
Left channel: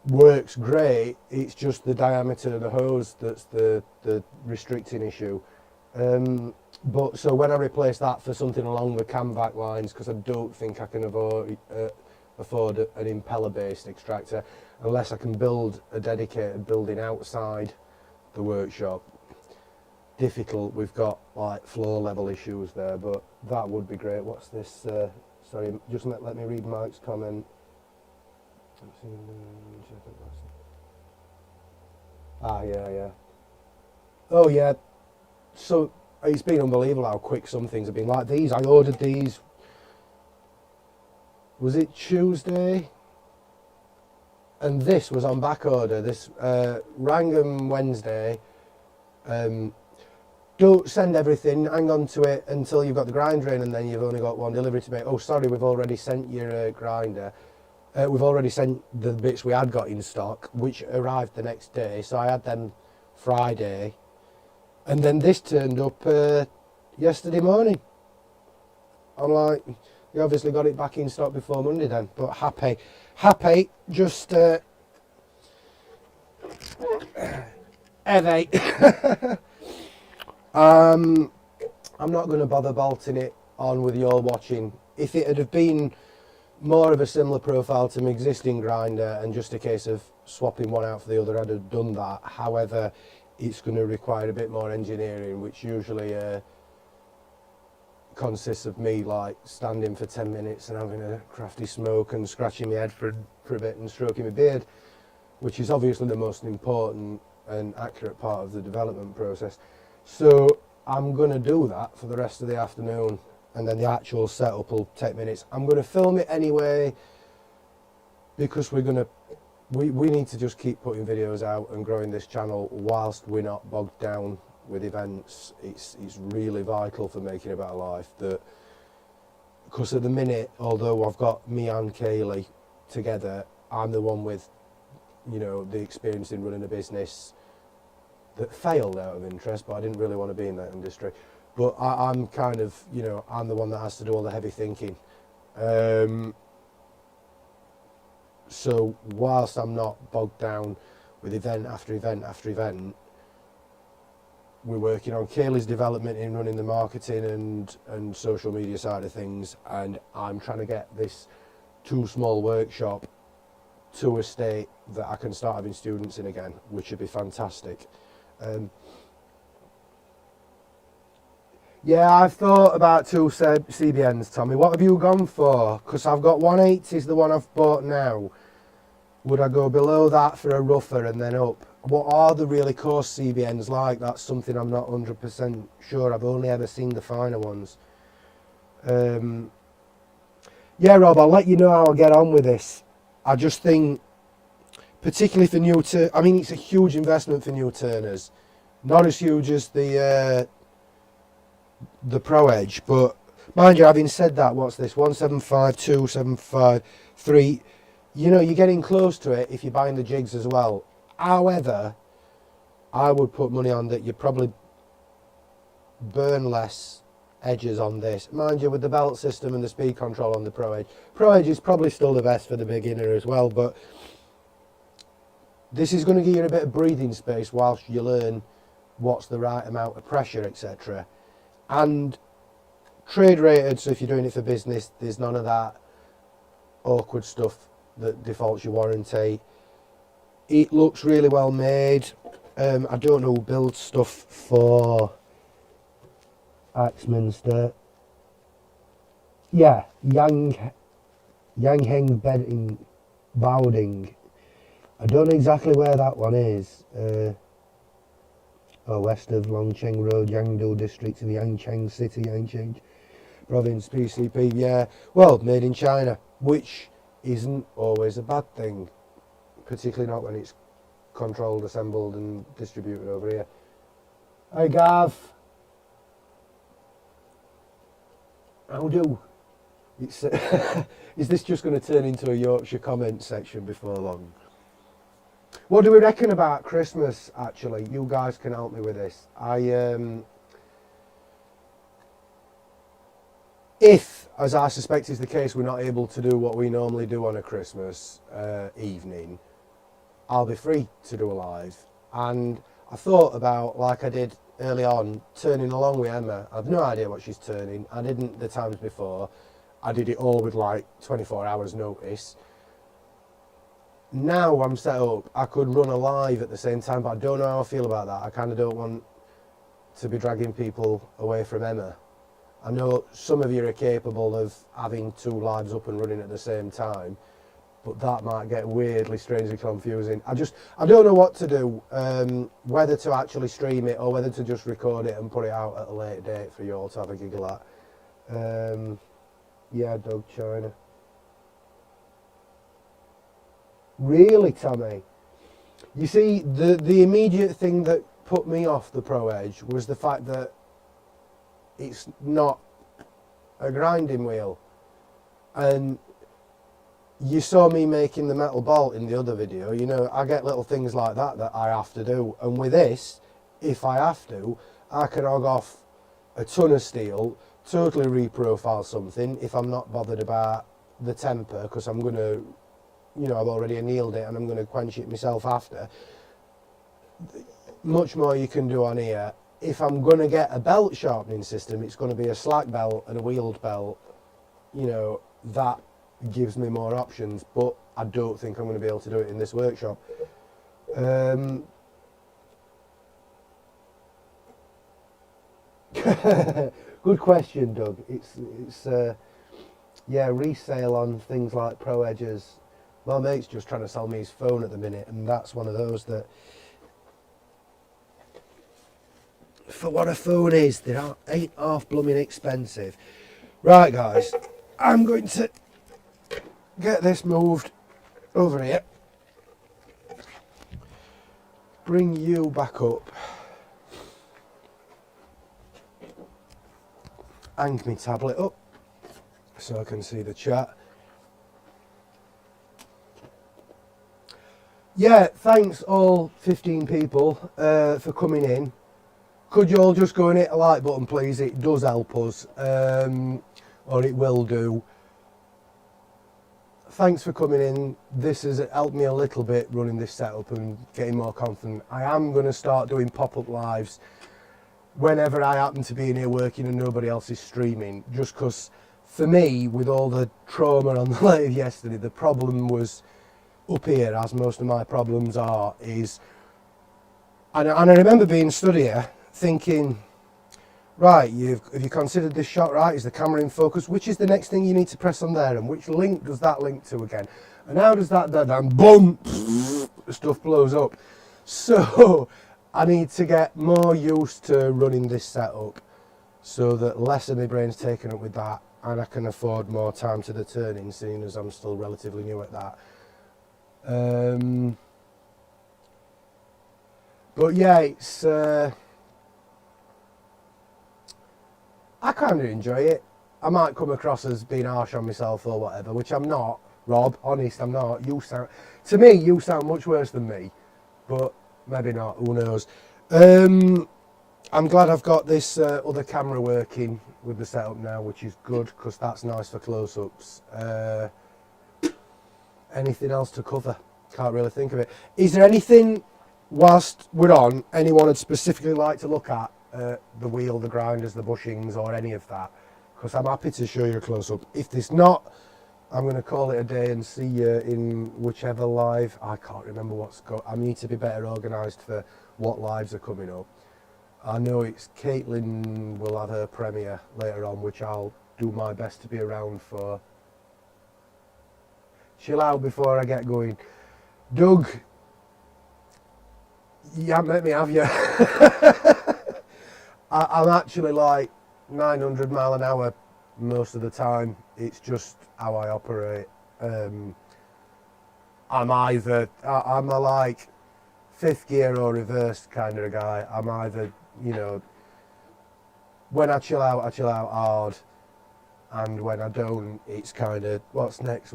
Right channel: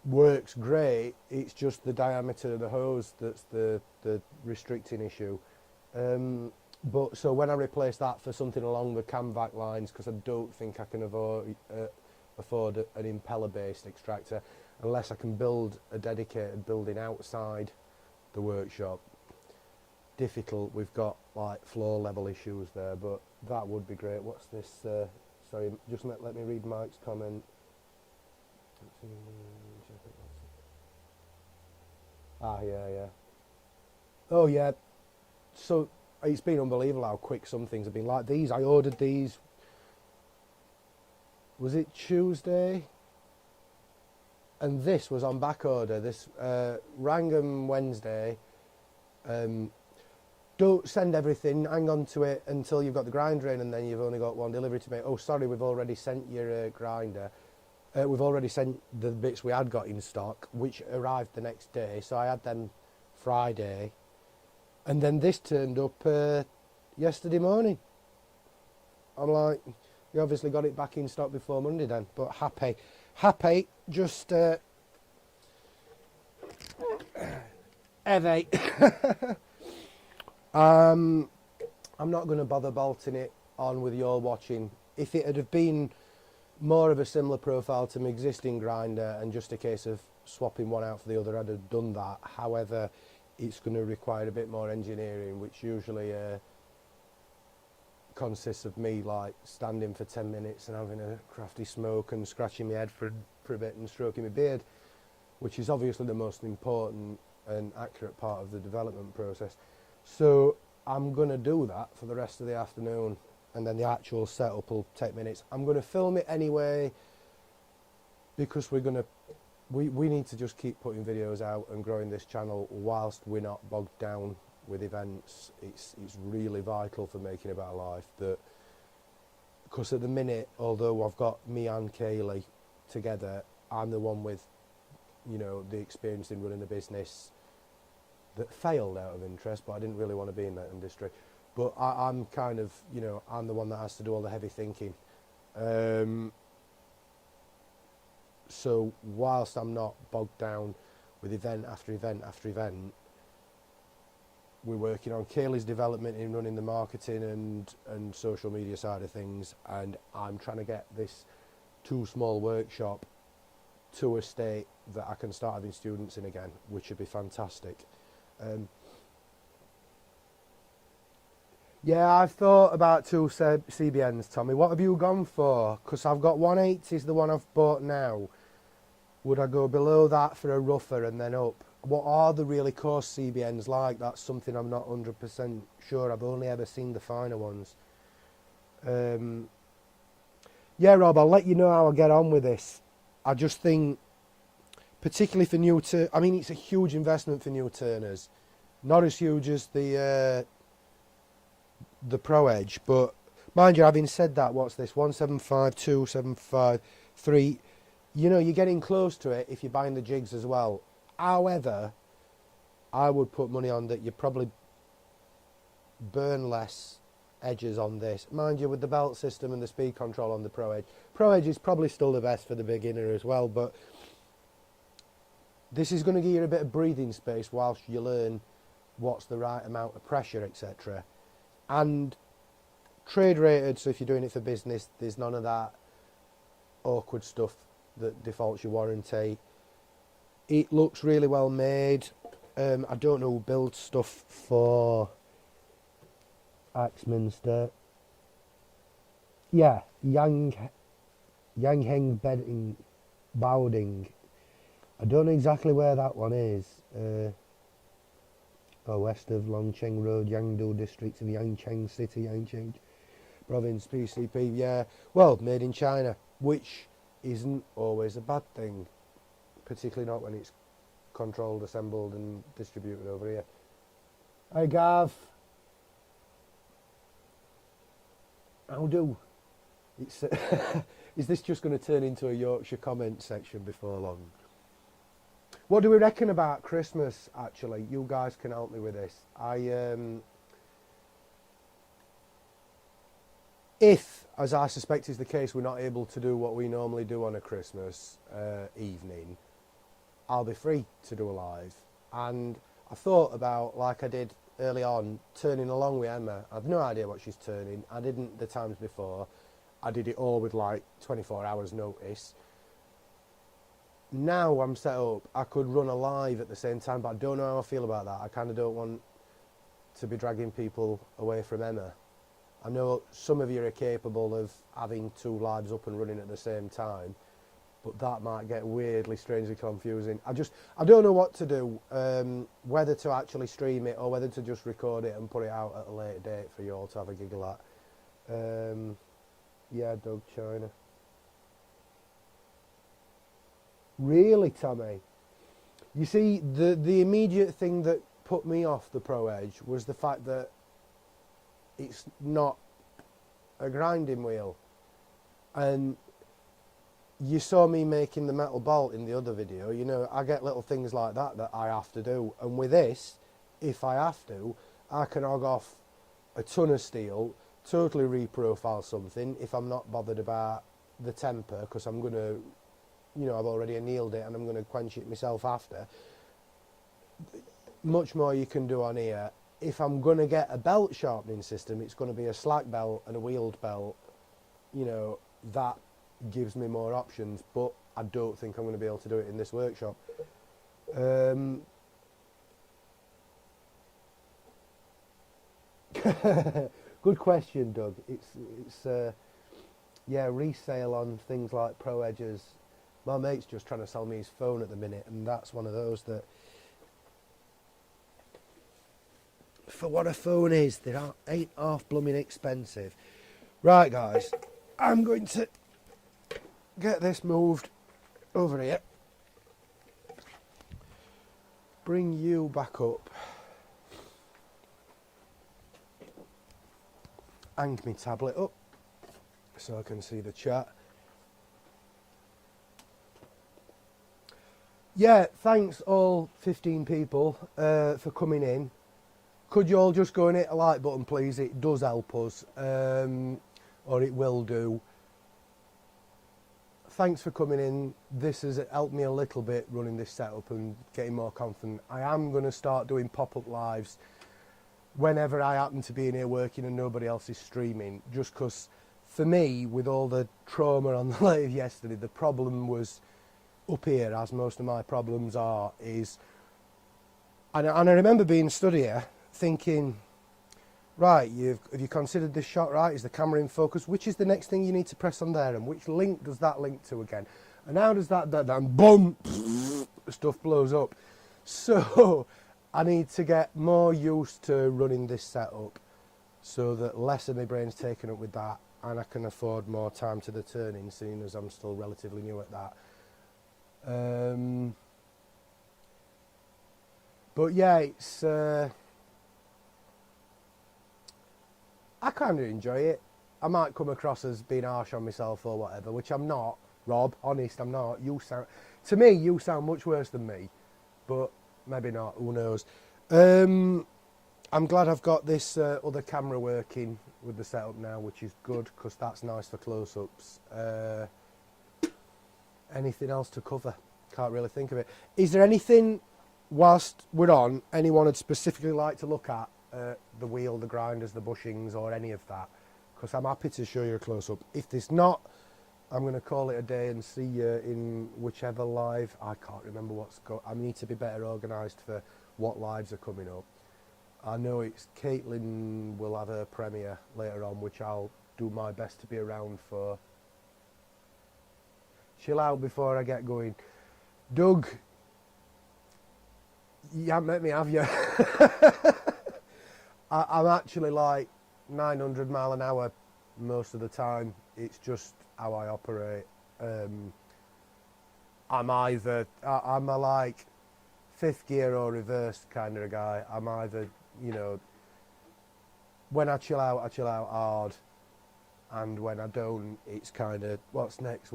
works great. It's just the diameter of the hose that's the restricting issue. But so when I replace that for something along the Camvac lines, because I don't think I can afford an impeller based extractor unless I can build a dedicated building outside the workshop. Difficult, we've got like floor level issues there, but that would be great. What's this? Sorry, just let me read Mike's comment. Yeah. Oh yeah, so it's been unbelievable how quick some things have been. Like these, I ordered these, was it Tuesday? And this was on back order. This rang them Wednesday. Don't send everything, hang on to it until you've got the grinder in, and then you've only got one delivery to make. Oh sorry, we've already sent your grinder. We've already sent the bits we had got in stock, which arrived the next day, so I had them Friday, and then this turned up yesterday morning. I'm like, you obviously got it back in stock before Monday then, but happy, just headache. I'm not going to bother bolting it on with you all watching. If it had have been more of a similar profile to my existing grinder and just a case of swapping one out for the other, I'd have done that. However, it's going to require a bit more engineering, which usually consists of me like standing for 10 minutes and having a crafty smoke and scratching my head for a bit and stroking my beard, which is obviously the most important and accurate part of the development process. So I'm going to do that for the rest of the afternoon, and then the actual setup will take minutes. I'm going to film it anyway because we need to just keep putting videos out and growing this channel whilst we're not bogged down with events. It's really vital for making a better life, that because at the minute, although I've got me and Kaylee together, I'm the one with, you know, the experience in running a business that failed out of interest, but I didn't really want to be in that industry. but I'm kind of, you know, I'm the one that has to do all the heavy thinking. Um, so whilst I'm not bogged down with event after event after event, we're working on Kaylee's development in running the marketing and social media side of things, and I'm trying to get this too small workshop to a state that I can start having students in again, which would be fantastic. Um, yeah, I've thought about two CBNs, Tommy. What have you gone for? Because I've got 180 is the one I've bought now. Would I go below that for a rougher and then up? What are the really coarse CBNs like? That's something I'm not 100% sure. I've only ever seen the finer ones. Yeah, Rob, I'll let you know how I get on with this. I just think, particularly for new I mean, it's a huge investment for new turners. Not as huge as the Pro Edge, but mind you, having said that, what's this? 1752, 753. You know, you're getting close to it if you're buying the jigs as well. However, I would put money on that you probably burn less edges on this. Mind you, with the belt system and the speed control on the Pro Edge. Pro Edge is probably still the best for the beginner as well, but this is going to give you a bit of breathing space whilst you learn what's the right amount of pressure, etc. And trade rated, so if you're doing it for business, there's none of that awkward stuff that defaults your warranty. It looks really well made. I don't know who builds stuff for Axminster. Yeah, Yangheng Bedding Bowding. I don't know exactly where that one is. West of Longcheng Road, Yangdu district in Yangcheng City, Yangcheng province, PCP. Yeah, well, made in China, which isn't always a bad thing, particularly not when it's controlled, assembled and distributed over here. Hey Gav, how do? It's is this just going to turn into a Yorkshire comment section before long? What do we reckon about Christmas, actually? You guys can help me with this. If, as I suspect is the case, we're not able to do what we normally do on a Christmas evening, I'll be free to do a live. And I thought about, like I did early on, turning along with Emma. I've no idea what she's turning. I didn't the times before. I did it all with like 24 hours notice. Now I'm set up, I could run a live at the same time, but I don't know how I feel about that. I kind of don't want to be dragging people away from Emma. I know some of you are capable of having two lives up and running at the same time, but that might get weirdly, strangely confusing. I don't know what to do, whether to actually stream it or whether to just record it and put it out at a late date for you all to have a giggle at. Yeah, Doug China. Really, Tommy? You see, the immediate thing that put me off the Pro Edge was the fact that it's not a grinding wheel. And you saw me making the metal bolt in the other video. You know, I get little things like that I have to do. And with this, if I have to, I can hog off a ton of steel, totally reprofile something if I'm not bothered about the temper, because I'm going to, you know, I've already annealed it and I'm going to quench it myself after. Much more you can do on here. If I'm going to get a belt sharpening system, it's going to be a slack belt and a wheeled belt. You know, that gives me more options, but I don't think I'm going to be able to do it in this workshop. Good question, Doug. It's yeah, resale on things like Pro Edges. My mate's just trying to sell me his phone at the minute, and that's one of those that, for what a phone is, they ain't half blooming expensive. Right, guys, I'm going to get this moved over here. Bring you back up. Hang my tablet up so I can see the chat. Yeah, thanks all 15 people for coming in. Could you all just go and hit a like button, please? It does help us, or it will do. Thanks for coming in. This has helped me a little bit running this setup and getting more confident. I am going to start doing pop-up lives whenever I happen to be in here working and nobody else is streaming, just because for me, with all the trauma on the lathe yesterday, the problem was up here, as most of my problems are, is, and I remember being stood here thinking, right, have you considered this shot right? Is the camera in focus? Which is the next thing you need to press on there? And which link does that link to again? And how does that, and boom, stuff blows up. So I need to get more used to running this setup so that less of my brain's taken up with that and I can afford more time to the turning, seeing as I'm still relatively new at that. But yeah, it's I kind of enjoy it. I might come across as being harsh on myself or whatever, which I'm not, Rob. Honest, I'm not. To me, you sound much worse than me, but maybe not. Who knows? I'm glad I've got this other camera working with the setup now, which is good because that's nice for close-ups. Anything else to cover? Can't really think of it. Is there anything, whilst we're on, anyone would specifically like to look at? The wheel, the grinders, the bushings, or any of that, because I'm happy to show you a close-up. If there's not, I'm going to call it a day and see you in whichever live. I can't remember what's got. I need to be better organised for what lives are coming up. I know it's Caitlin will have her premiere later on, which I'll do my best to be around for. Chill out before I get going. Doug, you haven't met me, have you? I'm actually like 900 mile an hour most of the time. It's just how I operate. I'm a like fifth gear or reverse kind of a guy. I'm either, you know, when I chill out hard, and when I don't, it's kind of what's next.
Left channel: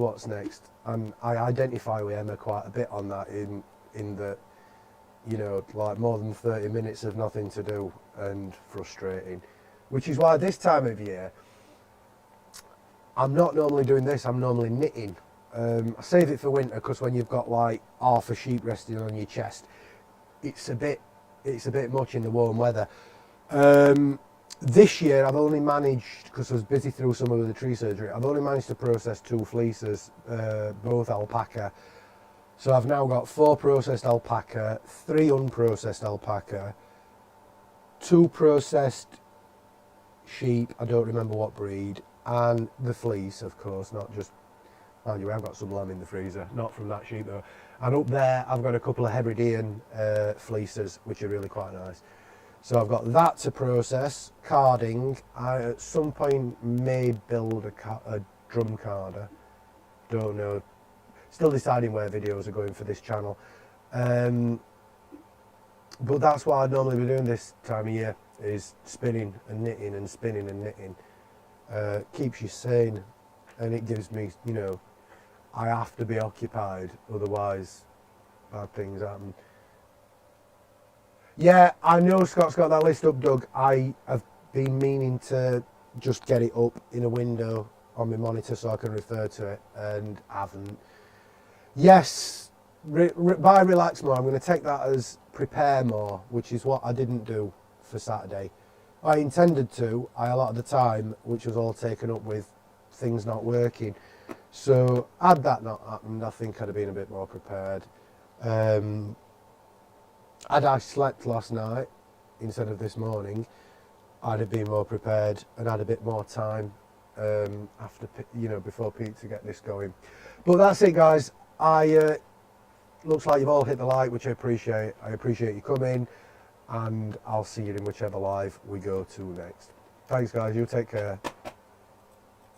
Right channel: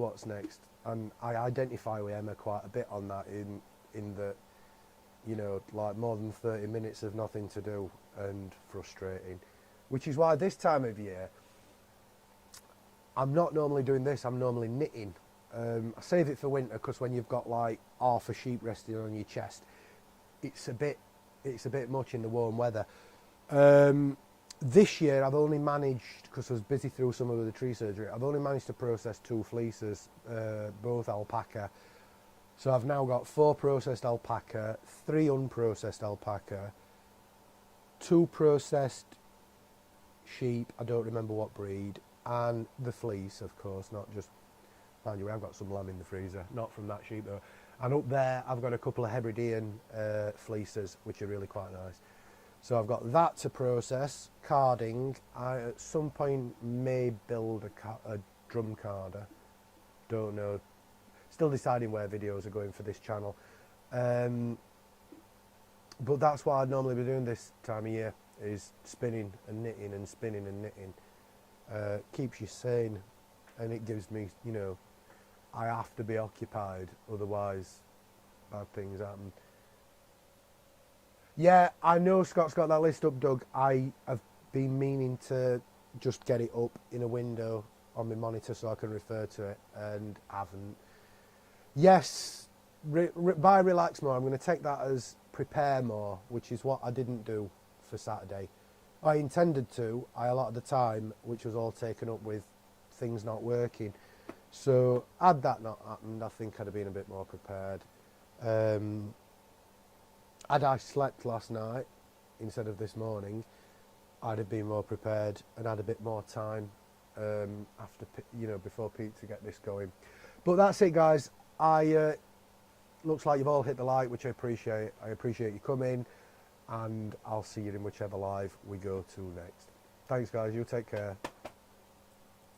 And I identify with Emma quite a bit on that in that, you know, like more than 30 minutes of nothing to do and frustrating, which is why this time of year I'm not normally doing this. I'm normally knitting. I save it for winter because when you've got like half a sheet resting on your chest, it's a bit much in the warm weather. This year I've only managed, because I was busy through some of the tree surgery, I've only managed to process 2 fleeces, both alpaca. So I've now got 4 processed alpaca, 3 unprocessed alpaca, 2 processed sheep, I don't remember what breed, and the fleece, of course, not just, mind you, I've got some lamb in the freezer, not from that sheep though. And up there I've got a couple of Hebridean fleeces, which are really quite nice. So I've got that to process, carding. I at some point may build a drum carder, don't know. Still deciding where videos are going for this channel. But that's what I'd normally be doing this time of year, is spinning and knitting and spinning and knitting. Keeps you sane, and it gives me, you know, I have to be occupied, otherwise bad things happen. Yeah, I know Scott's got that list up, Doug. I have been meaning to just get it up in a window on my monitor so I can refer to it, and haven't. Yes, by relax more, I'm going to take that as prepare more, which is what I didn't do for Saturday. I intended to, a lot of the time, which was all taken up with things not working. So had that not happened, I think I'd have been a bit more prepared. Had I slept last night instead of this morning, I'd have been more prepared and had a bit more time after, you know, before Pete to get this going. But that's it, guys. Looks like you've all hit the like, which I appreciate. I appreciate you coming, and I'll see you in whichever live we go to next. Thanks, guys. You take care.